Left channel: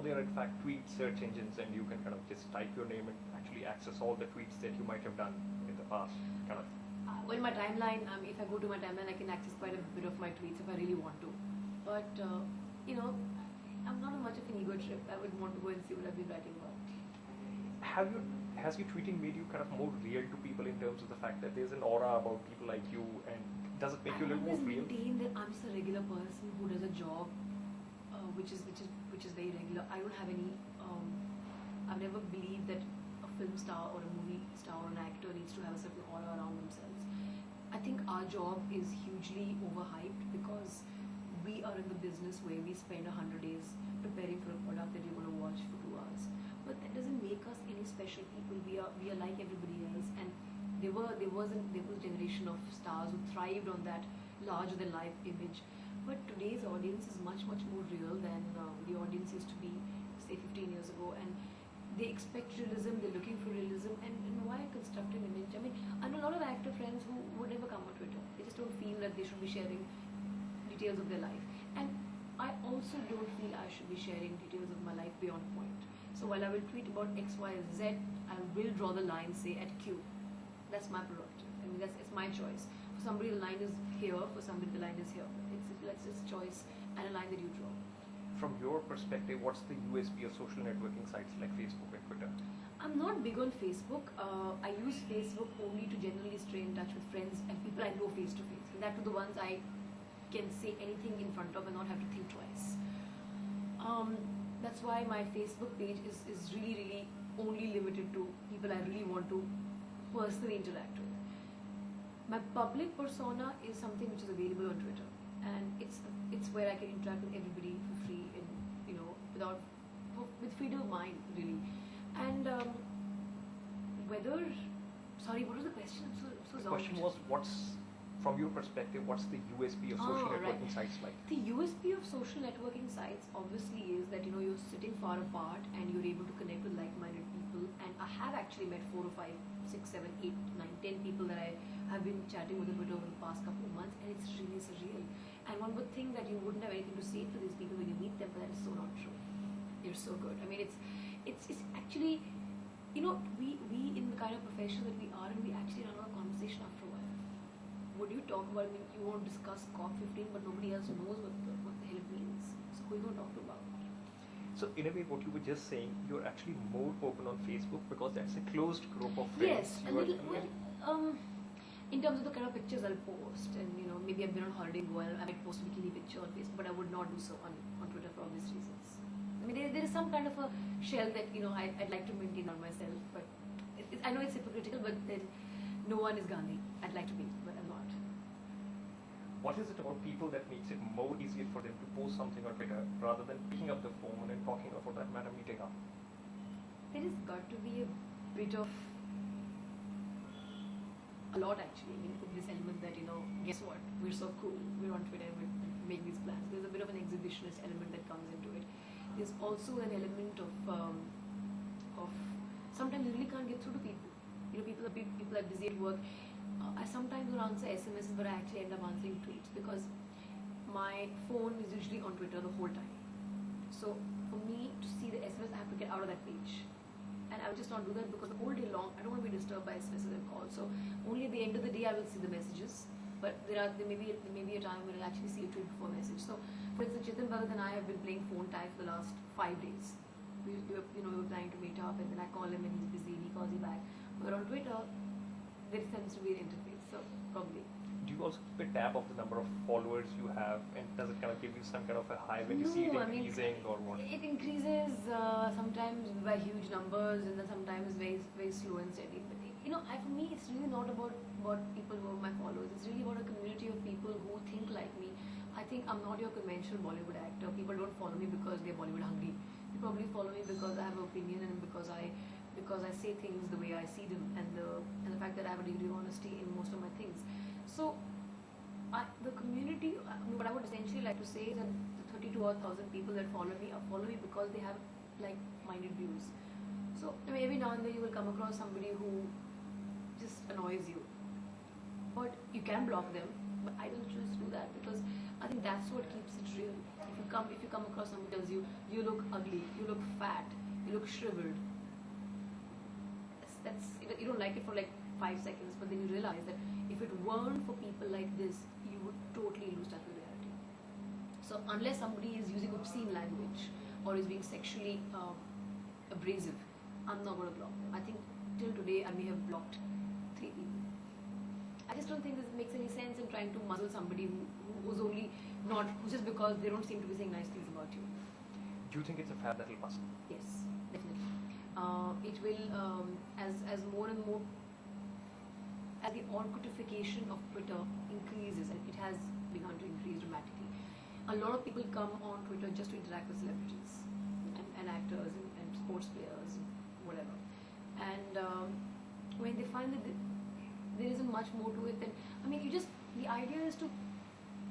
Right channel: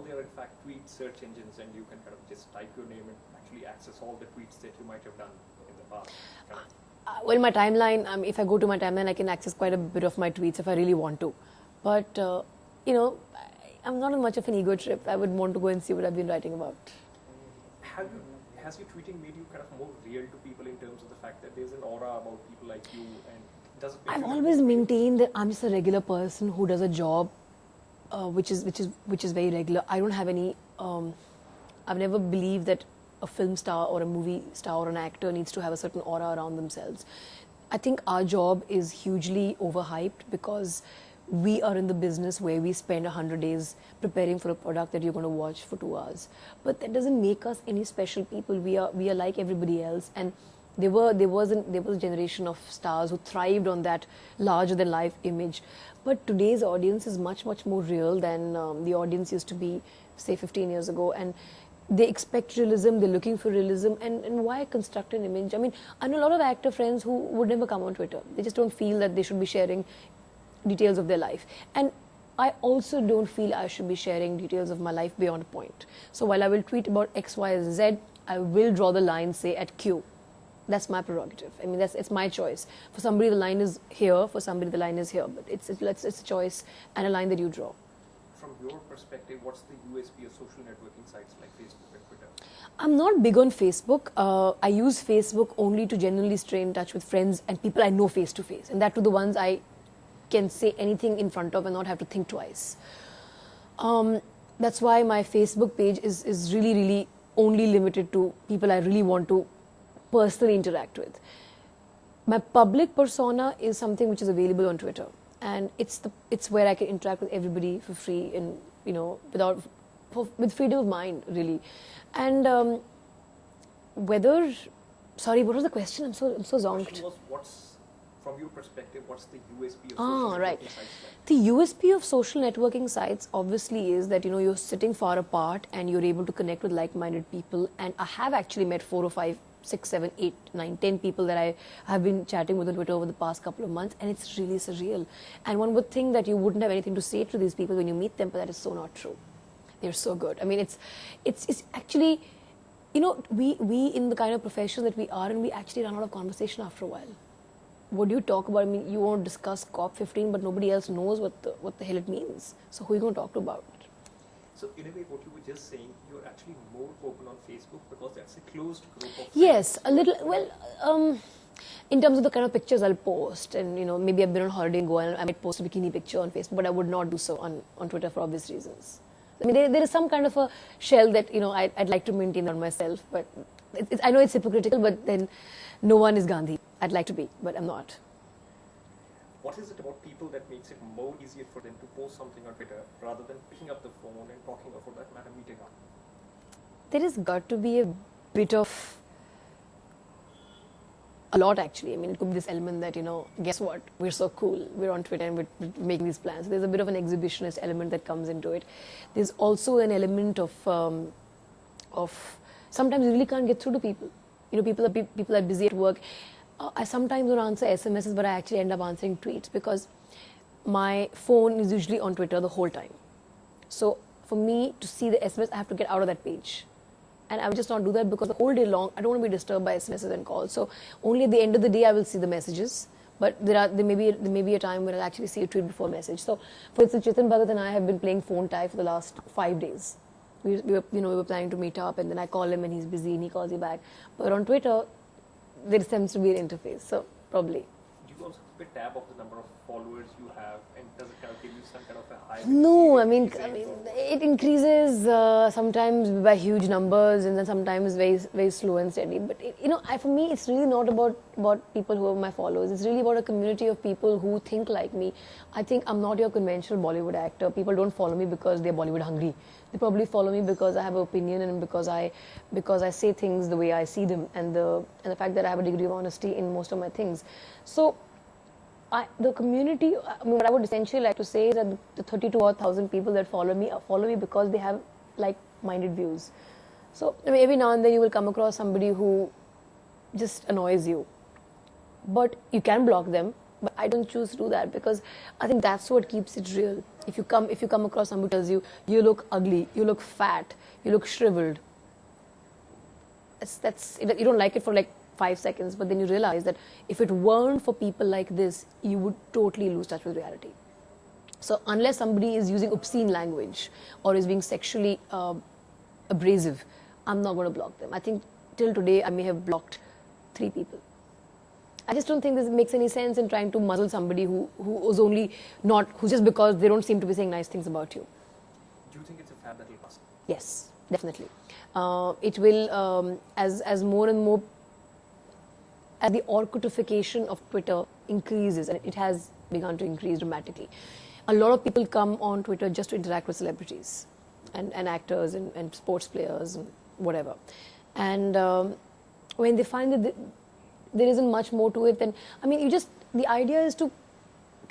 now there are in fact tweet search engines, and you can kind of just type your name and actually access all the tweets that you might have done in the past. Well, my timeline, if I go to my timeline, I can access quite a bit of my tweets if I really want to. But, I'm not on much of an ego trip. I would want to go and see what I've been writing about. Has your tweeting made you kind of more real to people in terms of the fact that there's an aura about people like you, and does it make I've you always maintained that I'm just a regular person who does a job which is very regular. I don't have any, I've never believed that a film star or a movie star or an actor needs to have a certain aura around themselves. I think our job is hugely overhyped because we are in the business where we spend 100 days preparing for a product that you're going to watch for 2 hours. But that doesn't make us any special people. We are like everybody else. And there was a generation of stars who thrived on that larger than life image. But today's audience is much, much more real than the audience used to be, say, 15 years ago. And they expect realism, they're looking for realism, and why construct an image? I mean, I know a lot of actor friends who would never come on Twitter. They just don't feel that they should be sharing details of their life. And I also don't feel I should be sharing details of my life beyond a point. So while I will tweet about X, Y, and Z, I will draw the line, say, at Q. That's my prerogative. I mean, it's my choice. For somebody, the line is here. For somebody, the line is here. But it's a choice and a line that you draw. From your perspective, what's the USP of social networking sites like Facebook and Twitter? I'm not big on Facebook. I use Facebook only to genuinely stay in touch with friends and people I know face to face. And that to the ones I can say anything in front of and not have to think twice. That's why my Facebook page is really, really only limited to people I really want to personally interact with. My public persona is something which is available on Twitter, and it's where I can interact with everybody for free and with freedom of mind, really. And sorry, what was the question? I'm so zonked. The question was, from your perspective, what's the USP of social networking sites like? The USP of social networking sites obviously is that you're sitting far apart and you're able to connect with like-minded people. And I have actually met 4 or 5, 6, 7, 8, 9, 10 people that I have been chatting with on Twitter over the past couple of months, and it's really surreal. And one would think that you wouldn't have anything to say to these people when you meet them, but that is so not true. They're so good. I mean, it's actually, we in the kind of profession that we are in, we actually run out of conversation after a while. What do you talk about? I mean, you want to discuss COP15, but nobody else knows what the hell it means. So who are you going to talk to about it? So in a way, what you were just saying, you're actually more open on Facebook because that's a closed group of friends. Yes, a little. Well, in terms of the kind of pictures I'll post, and maybe I've been on holiday in Goa and I might post a bikini picture on Facebook, but I would not do so on Twitter for obvious reasons. I mean, there is some kind of a shell that I'd like to maintain on myself, but I know it's hypocritical, but then no one is Gandhi. I'd like to be, but I'm not. What is it about people that makes it more easier for them to post something on Twitter rather than picking up the phone and talking, or for that matter, meeting up? There has got to be a bit of a lot, actually. I mean, it could be this element that, guess what? We're so cool. We're on Twitter and we're making these plans. There's a bit of an exhibitionist element that comes into it. There's also an element of sometimes you really can't get through to people. People are busy at work. I sometimes don't answer SMSs, but I actually end up answering tweets because my phone is usually on Twitter the whole time. So for me to see the SMS, I have to get out of that page. And I will just not do that because the whole day long, I don't want to be disturbed by SMSs and calls. So only at the end of the day, I will see the messages. But there may be a time when I'll actually see a tweet before a message. So for instance, Chetan Bhagat and I have been playing phone tag for the last 5 days. We were planning to meet up, and then I call him and he's busy and he calls me back. But on Twitter, there seems to be an interface, so probably. Do you also keep a tab of the number of followers you have, and does it kind of give you some kind of a high? No, I mean it increases sometimes by huge numbers, and then sometimes very, very slow and steady. But for me, it's really not about people who are my followers. It's really about a community of people who think like me. I think I'm not your conventional Bollywood actor. People don't follow me because they're Bollywood hungry. They probably follow me because I have an opinion and because I say things the way I see them, and the fact that I have a degree of honesty in most of my things. So the community, what I would essentially like to say is that the 32,000 people that follow me because they have like-minded views. So every now and then you will come across somebody who just annoys you, but you can block them. But I don't choose to do that because I think that's what keeps it real. If you come across somebody who tells you, you look ugly, you look fat, you look shriveled, you don't like it for like 5 seconds, but then you realize that if it weren't for people like this, you would totally lose touch with reality. So unless somebody is using obscene language or is being sexually abrasive, I'm not going to block them. I think till today I may have blocked 3 people. I just don't think this makes any sense in trying to muzzle somebody who was only not, who just because they don't seem to be saying nice things about you. Do you think it's a fad that will last? Yes, definitely. It will, as more and more, as the orcutification of Twitter increases, and it has begun to increase dramatically. A lot of people come on Twitter just to interact with celebrities and actors and sports players and whatever. And when they find that there isn't much more to it, then, I mean, the idea is to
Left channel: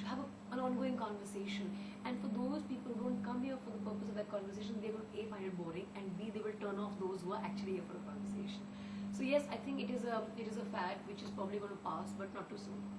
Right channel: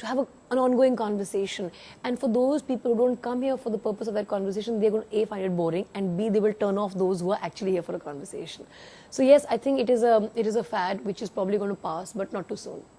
have an ongoing conversation. And for those people who don't come here for the purpose of that conversation, they're going to A, find it boring, and B, they will turn off those who are actually here for a conversation. So yes, I think it is a fad which is probably going to pass, but not too soon.